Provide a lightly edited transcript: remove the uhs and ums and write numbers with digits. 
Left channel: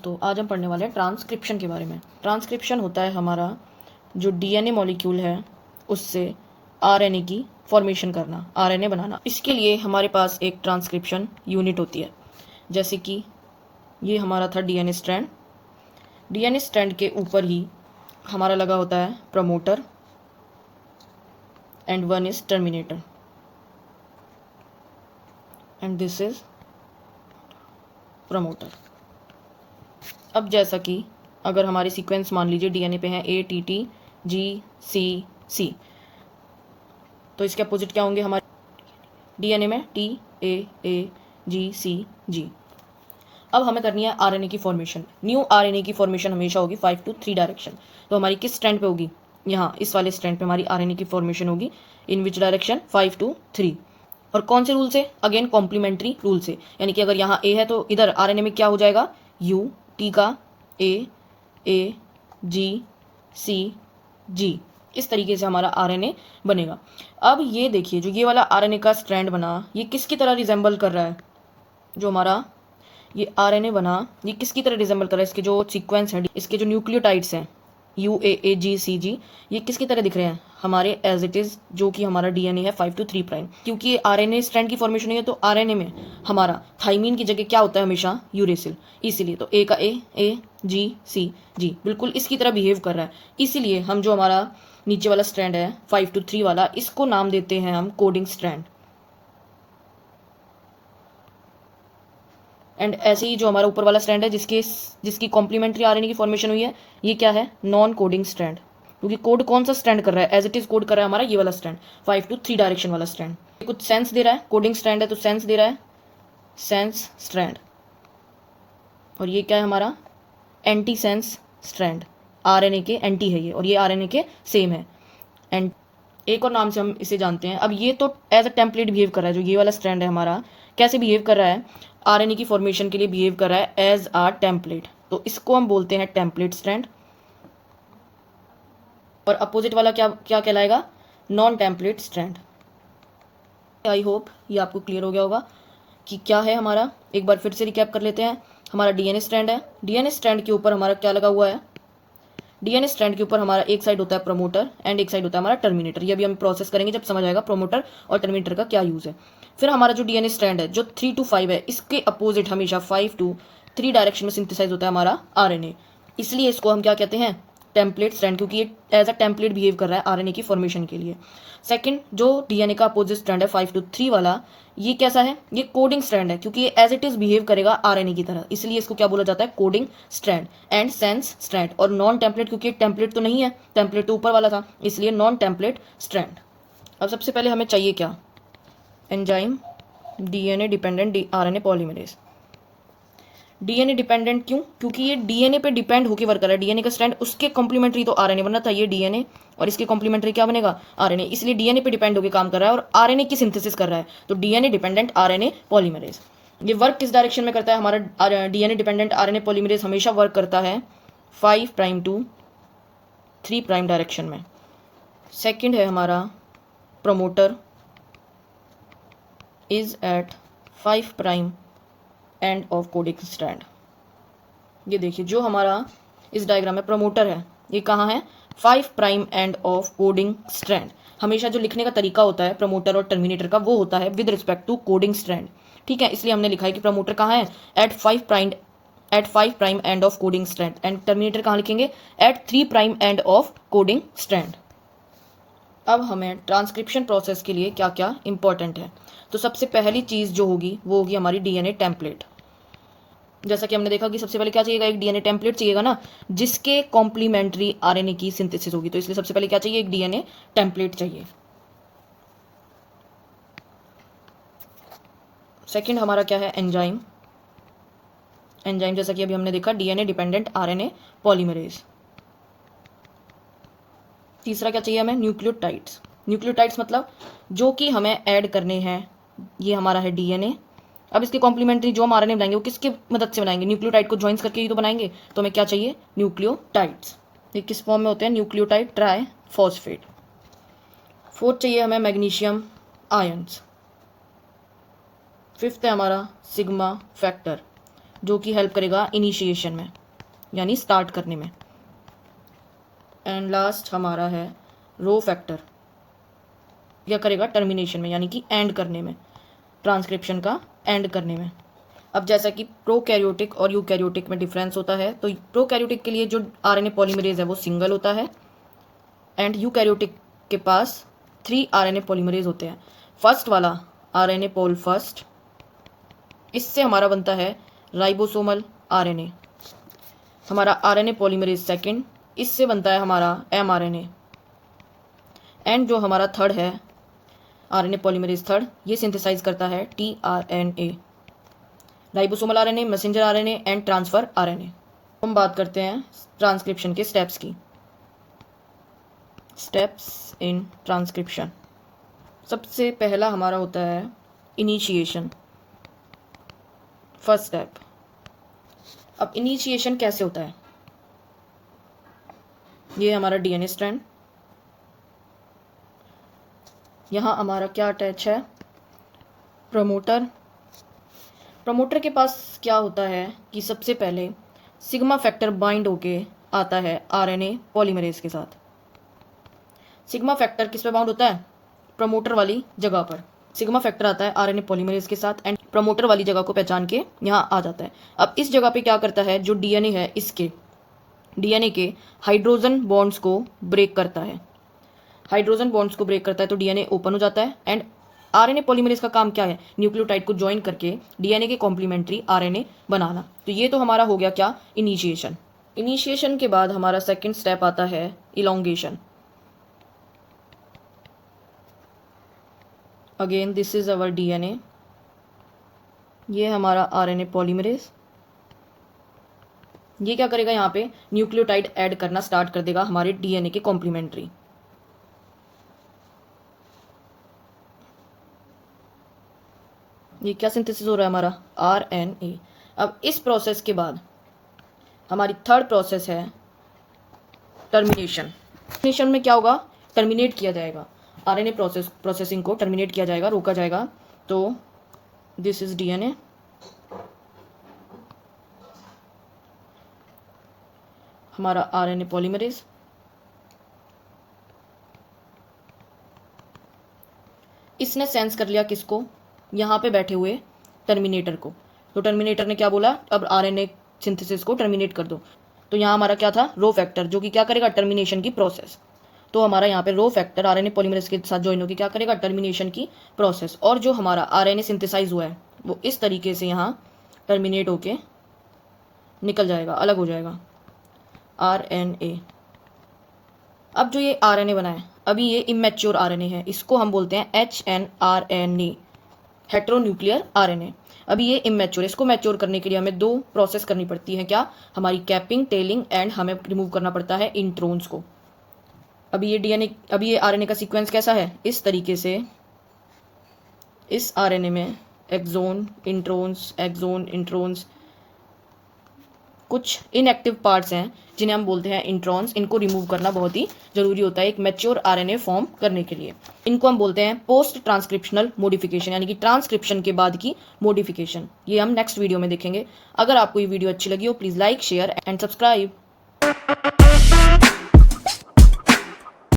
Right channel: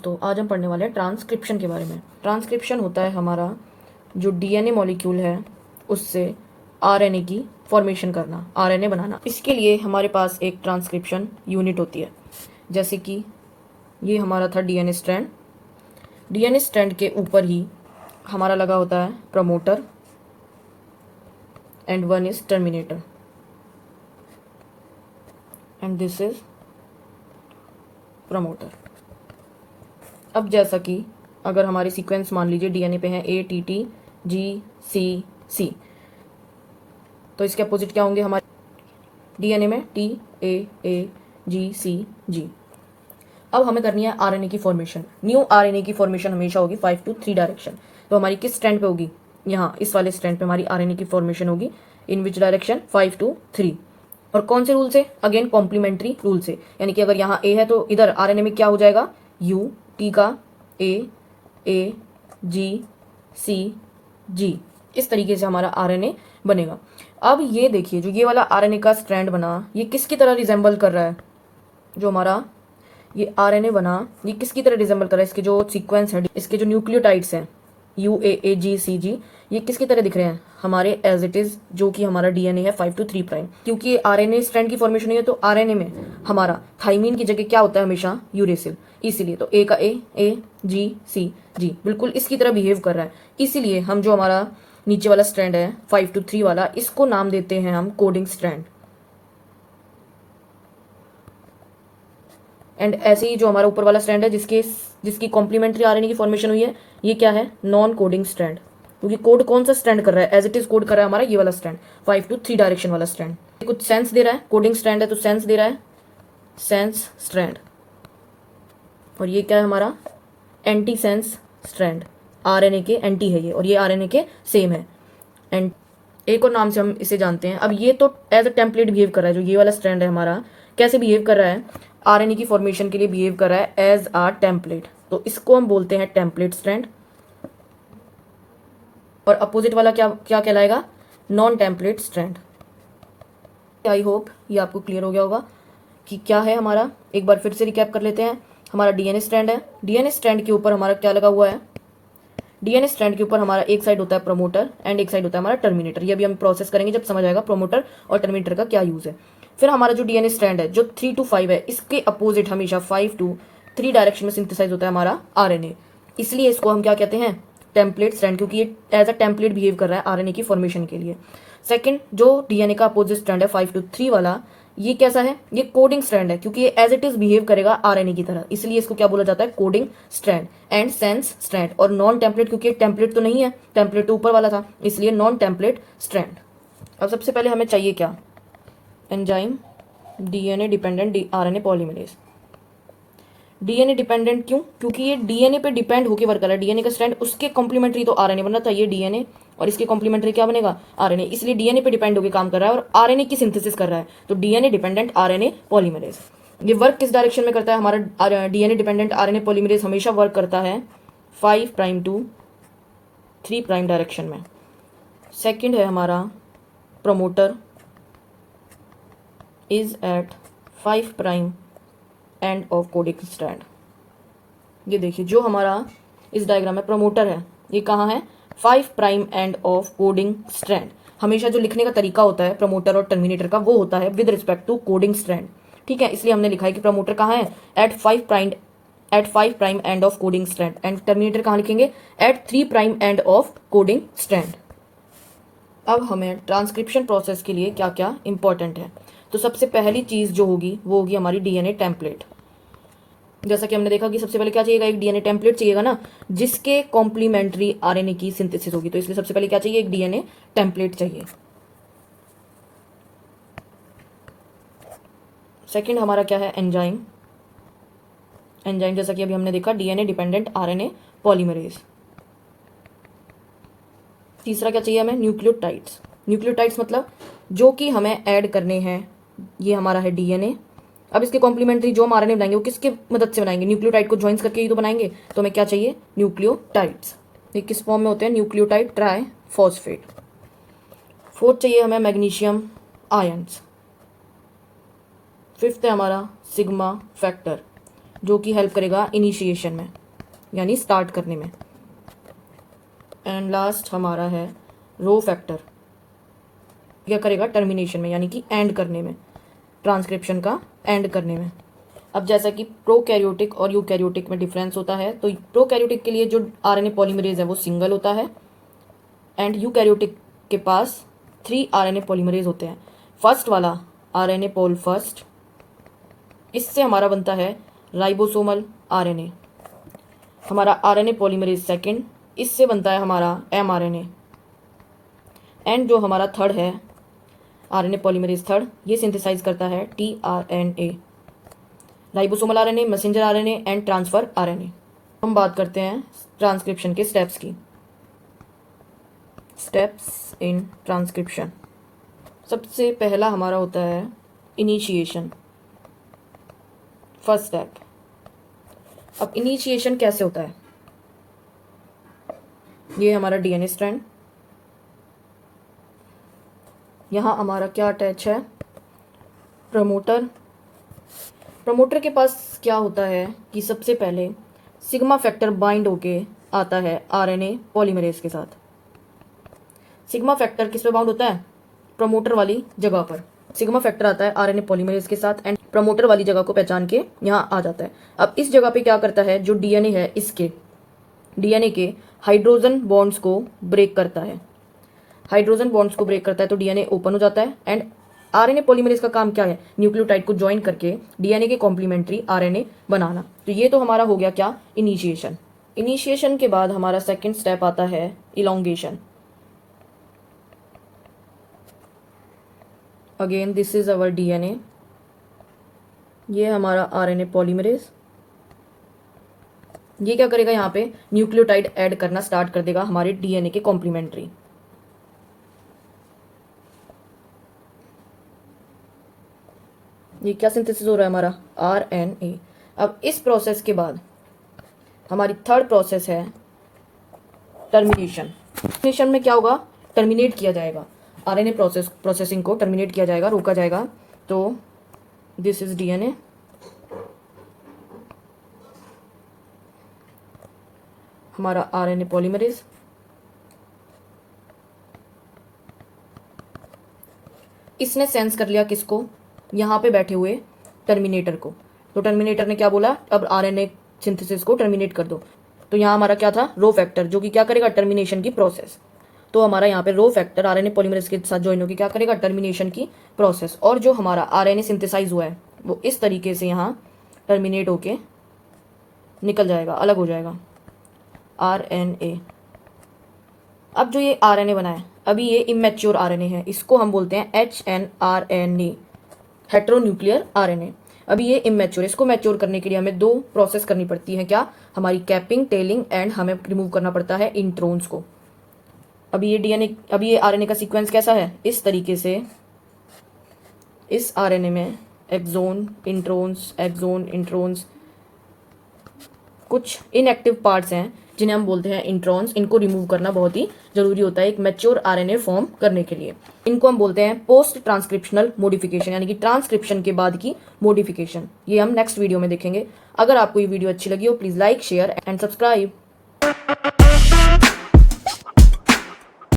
दोस्तों, आज हम पढ़ने वाले हैं ट्रांसक्रिप्शन के बारे में। ट्रांसक्रिप्शन होता है हमारा जो डीएनए मॉलिक्यूल है उससे आरएनए की फॉर्मेशन करना, आरएनए बनाना। इसके लिए हमारे पास एक ट्रांसक्रिप्शन यूनिट होती है। जैसे कि ये हमारा था डीएनए स्ट्रैंड। डीएनए स्ट्रैंड के ऊपर ही हमारा लगा होता है promoter and one is terminator and this is promoter. अब जैसा कि अगर हमारे सीक्वेंस मान लीजिए डीएनए पे हैं ATT GC, तो इसके अपोजिट क्या होंगे हमारे डीएनए में TAAGCG। अब हमें करनी है आरएनए की फॉर्मेशन। न्यू आरएनए की फॉर्मेशन हमेशा होगी 5 to 3 डायरेक्शन। तो हमारी किस स्ट्रैंड पे होगी? यहाँ इस वाले स्ट्रैंड पे हमारी आरएनए की फॉर्मेशन होगी। इन विच डायरेक्शन? 5 to 3। और कौन से रूल से? अगेन कॉम्प्लीमेंट्री रूल से। यानी कि अगर यहाँ ए है तो इधर आरएनए में क्या हो जाएगा? U T का A G C G। इस तरीके से हमारा आरएनए बनेगा। अब ये देखिए, जो ये वाला आरएनए का स्ट्रैंड बना, ये किसकी तरह रिजेंबल कर रहा है? जो हमारा ये आरएनए बना, ये किसकी तरह रिजेंबल कर रहा है? इसके जो सीक्वेंस है, इसके जो न्यूक्लियोटाइड्स हैं UAAGCG, ये किसकी तरह दिख रहे हैं? हमारे एज इट इज जो कि हमारा डीएनए है 5 to 3 प्राइम। क्योंकि आरएनए स्ट्रैंड की फॉर्मेशन हुई है तो आरएनए में हमारा थाइमीन की जगह क्या होता है? हमेशा यूरेसिल। इसीलिए तो ए का A G C G बिल्कुल इसकी तरह बिहेव कर रहा है। इसीलिए हम जो हमारा नीचे वाला स्ट्रैंड है 5 to 3 वाला, इसको नाम देते हैं हम कोडिंग स्ट्रैंड। एंड ऐसे ही जो हमारा ऊपर वाला स्ट्रैंड है जिसकी कॉम्प्लीमेंट्री आरएनए की फॉर्मेशन हुई है, ये क्या है? Non coding strand. क्योंकि कोड कौन सा स्ट्रैंड कर रहा है? एज इट इज कोड कर रहा है हमारा ये वाला स्ट्रैंड, 5 to 3 डायरेक्शन वाला स्ट्रैंड। कुछ सेंस दे रहा है, कोडिंग स्ट्रैंड है तो सेंस दे रहा है, सेंस स्ट्रैंड। और ये क्या है हमारा? Anti sense strand. आरएनए के एंटी है ये, और ये आरएनए के सेम है। एंड एक और नाम से हम इसे जानते हैं। अब ये तो एज अ टेम्पलेट बिहेव कर रहा है। जो ये वाला स्ट्रैंड है हमारा, कैसे बिहेव कर रहा है? आरएनए की फॉर्मेशन के लिए बिहेव कर रहा है एज आ टेम्पलेट। तो इसको हम बोलते हैं टेम्पलेट स्ट्रैंड। और अपोजिट वाला क्या क्या कहलाएगा? Non template strand. I hope ये आपको क्लियर हो गया होगा कि क्या है हमारा। एक बार फिर से रिकैप कर लेते हैं। हमारा डीएनए स्ट्रैंड है। डीएनए स्ट्रैंड के ऊपर हमारा क्या लगा हुआ है? डीएनए स्ट्रैंड के ऊपर हमारा एक साइड होता है प्रमोटर एंड एक साइड होता है हमारा टर्मिनेटर। ये भी हम प्रोसेस करेंगे जब समझ आएगा प्रमोटर और टर्मिनेटर का क्या यूज है। फिर हमारा जो डीएनए स्ट्रैंड है जो 3 to 5 है, इसके अपोजिट हमेशा 5 to 3 डायरेक्शन में सिंथेसाइज होता है हमारा आरएनए। इसलिए इसको हम क्या कहते हैं? टेम्पलेट स्ट्रैंड, क्योंकि ये एज अ टेम्पलेट बिहेव कर रहा है आरएनए की फॉर्मेशन के लिए। सेकंड, जो डीएनए का अपोजिट स्ट्रैंड है 5 to 3 वाला, ये कैसा है? ये कोडिंग स्ट्रैंड है, क्योंकि ये एज इट इज बिहेव करेगा आरएनए की तरह। इसलिए इसको क्या बोला जाता है? Coding strand and sense strand. और नॉन टेम्पलेट, क्योंकि टेम्पलेट तो नहीं है, टेम्पलेट तो ऊपर वाला था, इसलिए नॉन टेम्पलेट स्ट्रैंड। अब सबसे पहले हमें चाहिए क्या? Enzyme DNA dependent RNA polymerase. DNA dependent क्यों? क्योंकि ये डीएनए पे डिपेंड होकर वर्क कर रहा है। डीएनए का स्ट्रैंड, उसके कॉम्प्लीमेंट्री तो आरएनए बनना था, ये डीएनए और इसके कॉम्प्लीमेंट्री क्या बनेगा? आरएनए। इसलिए डीएनए पे डिपेंड होकर काम कर रहा है और आरएनए की सिंथेसिस कर रहा है। तो डीएनए डिपेंडेंट आरएनए पॉलीमरेज। ये वर्क किस डायरेक्शन में करता है? हमारा डीएनए डिपेंडेंट आरएनए पॉलीमरेज हमेशा वर्क करता है 5 प्राइम to 3 प्राइम डायरेक्शन में। सेकेंड है हमारा promoter is at 5 prime end of coding strand. ये देखिए, जो हमारा इस डायग्राम में प्रमोटर है, ये कहाँ है? 5 prime end of coding strand. हमेशा जो लिखने का तरीका होता है प्रमोटर और टर्मिनेटर का, वो होता है with respect to coding strand. ठीक है, इसलिए हमने लिखा है कि प्रमोटर कहाँ है? At 5 prime end of coding strand. And terminator कहाँ लिखेंगे? At 3 prime end of coding strand. अब हमें ट्रांसक्रिप्शन प्रोसेस के लिए क्या क्या इंपॉर्टेंट है? तो सबसे पहली चीज जो होगी वो होगी हमारी डीएनए टेम्पलेट। जैसा कि हमने देखा कि सबसे पहले क्या चाहिएगा? एक डीएनए टेम्पलेट चाहिएगा ना, जिसके कॉम्प्लीमेंट्री आरएनए की सिंथेसिस होगी। तो इसलिए सबसे पहले क्या चाहिए? एक डीएनए टेम्पलेट चाहिए। सेकंड हमारा क्या है? एंजाइम। एंजाइम जैसा कि अभी हमने देखा डीएनए डिपेंडेंट आरएनए पॉलीमरेज। तीसरा क्या चाहिए हमें? न्यूक्लियोटाइड्स। न्यूक्लियोटाइड्स मतलब जो कि हमें ऐड करने हैं। ये हमारा है डीएनए। अब इसके कॉम्प्लीमेंट्री जो हम आरएनए बनाएंगे वो किसकी मदद से बनाएंगे? न्यूक्लियोटाइड को ज्वाइंस करके ही तो बनाएंगे। तो हमें क्या चाहिए? न्यूक्लियोटाइड्स। ये किस फॉर्म में होते हैं? Nucleotide try phosphate. फोर्थ चाहिए हमें मैग्नीशियम आयंस। फिफ्थ है हमारा सिग्मा फैक्टर। जो कि हेल्प करेगा इनिशिएशन में, यानी स्टार्ट करने में। एंड लास्ट हमारा है रो फैक्टर, क्या करेगा टर्मिनेशन में, यानी कि एंड करने में, ट्रांसक्रिप्शन का एंड करने में। अब जैसा कि प्रोकैरियोटिक और यूकैरियोटिक में डिफरेंस होता है, तो प्रोकैरियोटिक के लिए जो आरएनए पॉलीमरेज है वो सिंगल होता है, एंड यूकैरियोटिक के पास 3 आरएनए पॉलीमरेज होते हैं। फर्स्ट वाला आरएनए पोल फर्स्ट, इससे हमारा बनता है राइबोसोमल आरएनए। हमारा आरएनए पॉलीमरेज सेकंड, इससे बनता है हमारा एमआरएनए। एंड जो हमारा थर्ड है आरएनए पॉलीमरेज थर्ड, ये सिंथेसाइज करता है tRNA, ribosomal RNA, messenger RNA and transfer RNA. हम बात करते हैं ट्रांसक्रिप्शन के स्टेप्स की। स्टेप्स इन ट्रांसक्रिप्शन, सबसे पहला हमारा होता है इनिशिएशन, फर्स्ट स्टेप। अब इनिशिएशन कैसे होता है, ये हमारा डीएनए स्ट्रैंड, यहाँ हमारा क्या अटैच है, प्रमोटर। प्रमोटर के पास क्या होता है कि सबसे पहले सिग्मा फैक्टर बाइंड होके आता है आरएनए पॉलीमरेज के साथ। सिग्मा फैक्टर किस पे बाउंड होता है, प्रमोटर वाली जगह पर। सिग्मा फैक्टर आता है आरएनए पॉलीमरेज के साथ एंड प्रमोटर वाली जगह को पहचान के यहाँ आ जाता है। अब इस जगह पे क्या करता है, जो डीएनए है इसके डीएनए के हाइड्रोजन बॉन्ड्स को ब्रेक करता है। हाइड्रोजन बॉन्ड्स को ब्रेक करता है तो डीएनए ओपन हो जाता है। एंड आरएनए पॉलीमरेज का काम क्या है, न्यूक्लियोटाइड को ज्वाइन करके डीएनए के कॉम्प्लीमेंट्री आरएनए बनाना। तो ये तो हमारा हो गया क्या, इनिशिएशन। इनिशिएशन के बाद हमारा सेकंड स्टेप आता है elongation. Again this is our DNA, ये हमारा आरएनए पॉलीमरेज। ये क्या करेगा, यहाँ पे न्यूक्लियोटाइड ऐड करना स्टार्ट कर देगा हमारे डीएनए के कॉम्प्लीमेंट्री। ये क्या सिंथेसिस हो रहा है हमारा, आरएनए। अब इस प्रोसेस के बाद हमारी थर्ड प्रोसेस है टर्मिनेशन। टर्मिनेशन में क्या होगा, टर्मिनेट किया जाएगा आरएनए प्रोसेसिंग को टर्मिनेट किया जाएगा, रोका जाएगा। तो दिस इज डीएनए, हमारा आरएनए पॉलीमरेज। इसने सेंस कर लिया किसको, यहाँ पे बैठे हुए टर्मिनेटर को। तो टर्मिनेटर ने क्या बोला, अब आरएनए सिंथेसिस को टर्मिनेट कर दो। तो यहाँ हमारा क्या था, रो फैक्टर, जो कि क्या करेगा, टर्मिनेशन की प्रोसेस। तो हमारा यहाँ पे रो फैक्टर आरएनए पॉलीमरेज के साथ ज्वाइन होकर क्या करेगा, टर्मिनेशन की प्रोसेस। और जो हमारा आरएनए सिंथेसाइज हुआ है वो इस तरीके से यहाँ टर्मिनेट होके निकल जाएगा, अलग हो जाएगा आरएनए। अब जो ये आरएनए बना है, अभी ये इमेच्योर आरएनए है, इसको हम बोलते हैं एचएनआरएनए, हेटेरोन्यूक्लियर आरएनए। अभी ये इमेच्योर, इसको मैच्योर करने के लिए हमें 2 प्रोसेस करनी पड़ती है, क्या, हमारी कैपिंग, टेलिंग एंड हमें रिमूव करना पड़ता है इंट्रोन्स को। अभी ये आरएनए का सीक्वेंस कैसा है, इस तरीके से। इस आरएनए में एक्सोन, इंट्रोन्स, कुछ इनएक्टिव पार्ट्स हैं जिन्हें हम बोलते हैं इंट्रॉन्स। इनको रिमूव करना बहुत ही जरूरी होता है एक मैच्योर आरएनए फॉर्म करने के लिए। इनको हम बोलते हैं पोस्ट ट्रांसक्रिप्शनल मॉडिफिकेशन, यानी कि ट्रांसक्रिप्शन के बाद की मॉडिफिकेशन। ये हम नेक्स्ट वीडियो में देखेंगे। अगर आपको ये वीडियो अच्छी लगी हो, please like, share and subscribe.